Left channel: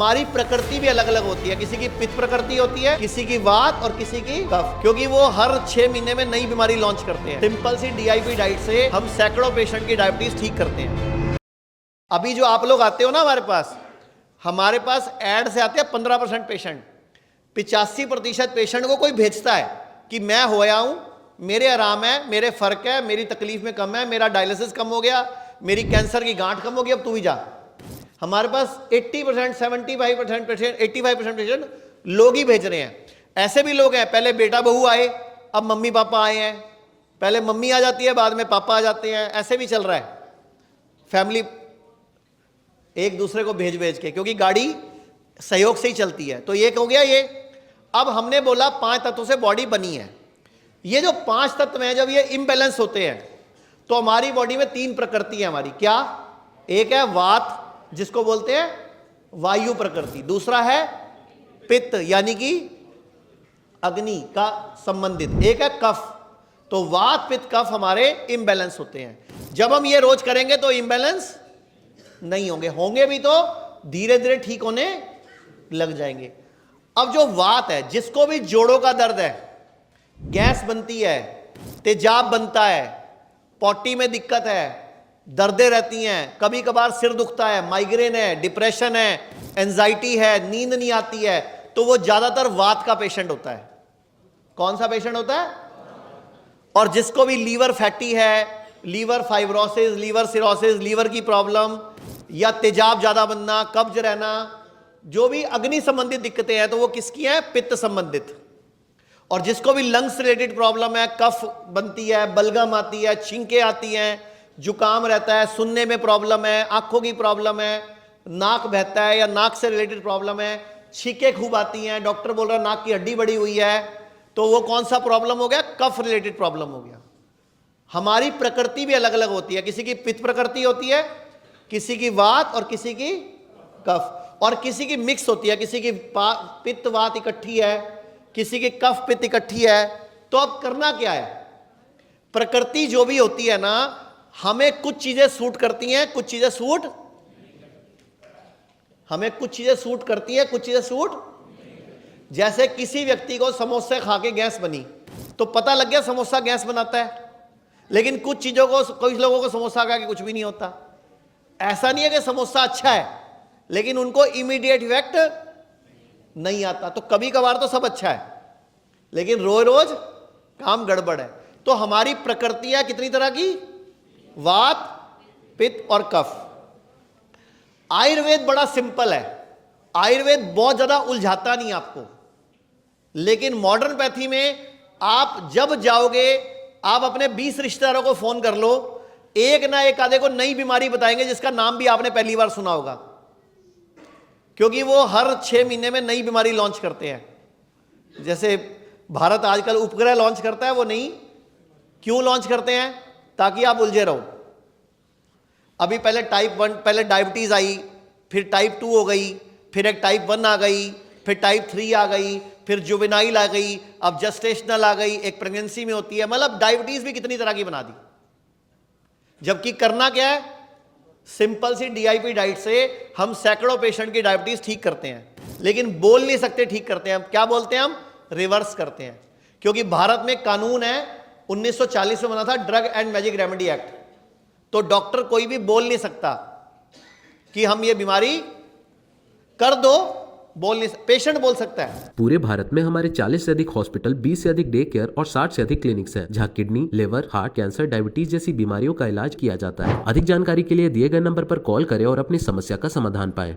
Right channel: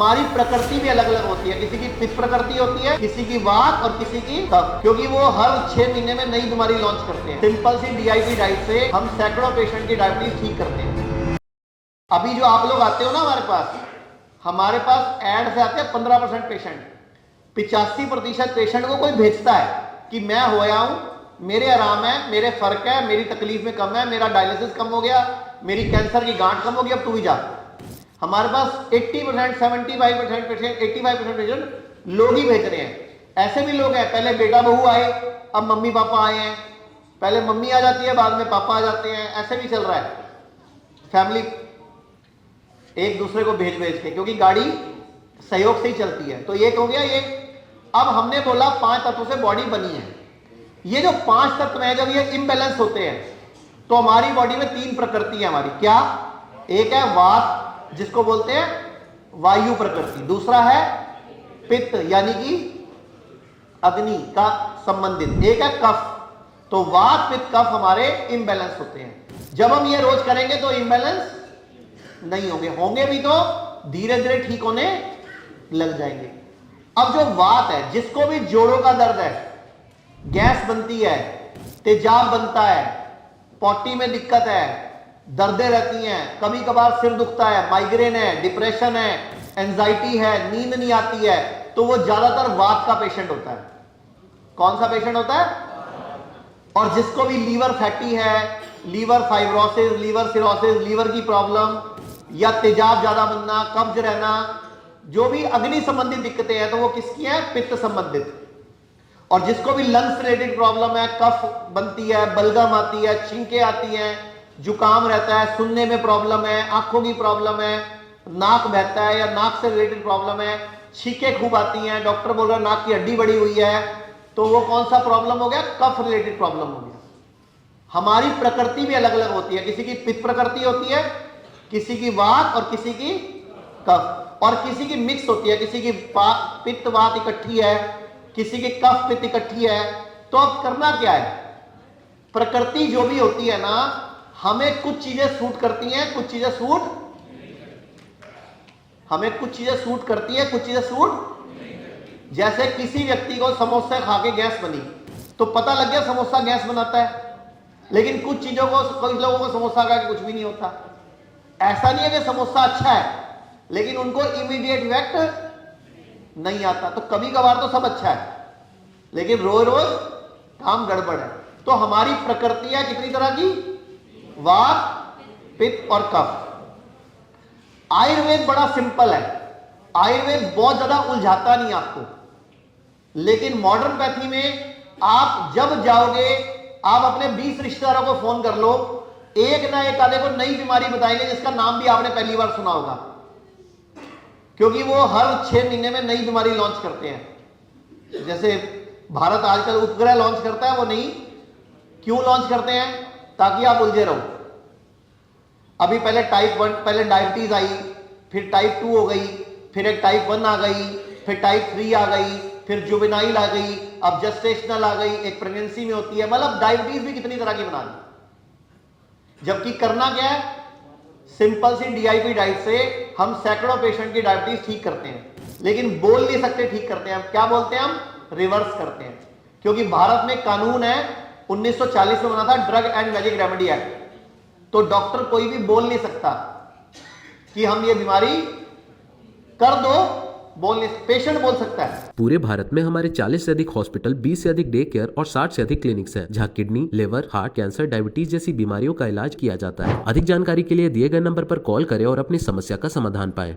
हमारी प्रकृति भी अलग अलग होती है, किसी की पित्त प्रकृति होती है, किसी की वात और किसी की कफ, क्योंकि वो हर 6 महीने में नई बीमारी लॉन्च करते हैं। सिंपल सी डीआईपी डाइट से हम सैकड़ों पेशेंट की डायबिटीज ठीक करते हैं। अभी जो आप लोग आते हो ना हमारे पास ऐड से आते हैं 15% पेशेंट, 85% पेशेंट को कोई भेजता है कि मैं होया हूं, मेरे आराम है, मेरे फर्क है, मेरी तकलीफ में कम है, मेरा डायलिसिस कम हो गया, मेरी कैंसर की गांठ कम हो गई, अब तू ही जा। हमारे पास 80%, 75% पेशेंट, 85% पेशेंट लोग ही भेज रहे हैं। ऐसे भी लोग हैं, पहले बेटा बहू आए, अब मम्मी पापा आए हैं, पहले मम्मी आ जाती है, बाद में पापा आ जाते हैं, ऐसे भी चल रहा है। फैमिली एक दूसरे को भेज भेज के, क्योंकि गाड़ी सहयोग से ही चलती है। तो ये हो गया ये। अब हमने बोला 5 तत्वों से बॉडी बनी है। ये जो 5 तत्व हैं, जब ये इम्बैलेंस होते हैं तो हमारी बॉडी में 3 प्रकृति है हमारी। क्या? एक है वात, जिसको बोलते हैं वायु प्रकृति। दूसरा है पित्त, यानी कि अग्नि का संबंधित। एक है कफ। तो वात पित्त कफ हमारे इम्बैलेंस होते हैं। जब हम ये रोज करेंगे तो इम्बैलेंस नहीं होंगे भी तो धीरे धीरे ठीक होने लग जाएंगे। अब जो वात है, जिसको भी जोड़ों का दर्द है, गैस बनती है, तेजाब बनता है, पॉटी में दिक्कत है, दर्दें रहती हैं, कभी कभार सिर दुखता है, माइग्रेन है, डिप्रेशन है, एंजाइटी है, नींद नहीं आती है, तो वो ज्यादातर वात का पेशेंट होता है। कौन सा पेशेंट होता है? और जिसको भी लीवर फैटी है, liver fibrosis, liver cirrhosis, liver की प्रॉब्लम या तेजाब ज्यादा बनना, कब्ज रहना, जो भी अग्नि संबंधित दिक्कतें हैं, तो वो किसकी है? पित्त संबंधित। और जिसको भी लंग्स रिलेटेड प्रॉब्लम है, कफ बनती है, बलगम आती है, छींकें आती हैं, जुकाम रहता है, सुनने में प्रॉब्लम है, आंखों की प्रॉब्लम है, नाक बहता है या नाक से रिलेटेड प्रॉब्लम है, छींकें खूब आती हैं, डॉक्टर बोल रहा है नाक की हड्डी बड़ी हुई है, तो वो कौन सा प्रॉब्लम हो गया? कफ रिलेटेड प्रॉब्लम हो गया। हमारी प्रकृति भी अलग अलग होती है, किसी की पित्त प्रकृति होती है, किसी की वात और किसी की कफ, और किसी की मिक्स होती है, किसी की पित्त वात इकट्ठी है, किसी की कफ पित्त इकट्ठी है। तो अब करना क्या है? प्रकृति जो भी होती है ना, हमें कुछ चीजें सूट करती हैं, कुछ चीजें सूट, हमें कुछ चीजें सूट करती है, कुछ चीजें सूट। जैसे किसी व्यक्ति को समोसा खा के गैस बनी, तो पता लग गया समोसा गैस बनाता है। लेकिन कुछ चीजों को, कुछ लोगों को समोसा खा के कुछ भी नहीं होता। ऐसा नहीं है कि समोसा अच्छा है, लेकिन उनको इमीडिएट इफेक्ट नहीं आता। तो कभी कभार तो सब अच्छा है, लेकिन रोज रोज काम गड़बड़ है। तो हमारी प्रकृति है कितनी तरह की? वात, पित्त और कफ। आयुर्वेद बड़ा सिंपल है, आयुर्वेद बहुत ज्यादा उलझाता नहीं आपको। लेकिन मॉडर्न पैथी में आप जब जाओगे, आप अपने 20 रिश्तेदारों को फोन कर लो, एक ना एक आधे को नई बीमारी बताएंगे जिसका नाम भी आपने पहली बार सुना होगा, क्योंकि वो हर 6 महीने में नई बीमारी लॉन्च करते हैं। जैसे भारत आजकल उपग्रह लॉन्च करता है, वो नहीं क्यों लॉन्च करते हैं? ताकि आप उलझे रहो। अभी पहले टाइप 1, पहले डायबिटीज आई, फिर टाइप 2 हो गई, फिर एक टाइप 1 आ गई, फिर टाइप 3 आ गई, फिर जुवेनाइल आ गई, अब जेस्टेशनल आ गई, एक प्रेगनेंसी में होती है। मतलब डायबिटीज भी कितनी तरह की बना दी। जबकि करना क्या है? सिंपल सी डीआईपी डाइट से हम सैकड़ों पेशेंट की डायबिटीज ठीक करते हैं। लेकिन बोल नहीं सकते ठीक करते हैं। क्या बोलते हैं हम? रिवर्स करते हैं। क्योंकि भारत में कानून है, 1940 में बना था drug and magic remedy act. तो डॉक्टर कोई भी बोल नहीं सकता कि हम ये बीमारी कर दो, बोल नहीं, पेशेंट बोल सकता है। पूरे भारत में हमारे 40 से अधिक हॉस्पिटल, 20 से अधिक डे केयर और 60 से अधिक क्लिनिक्स हैं, जहां kidney, liver, heart, cancer, diabetes जैसी बीमारियों का इलाज किया जाता है। अधिक जानकारी के लिए दिए गए नंबर पर कॉल करें और अपनी समस्या का समाधान पाएं।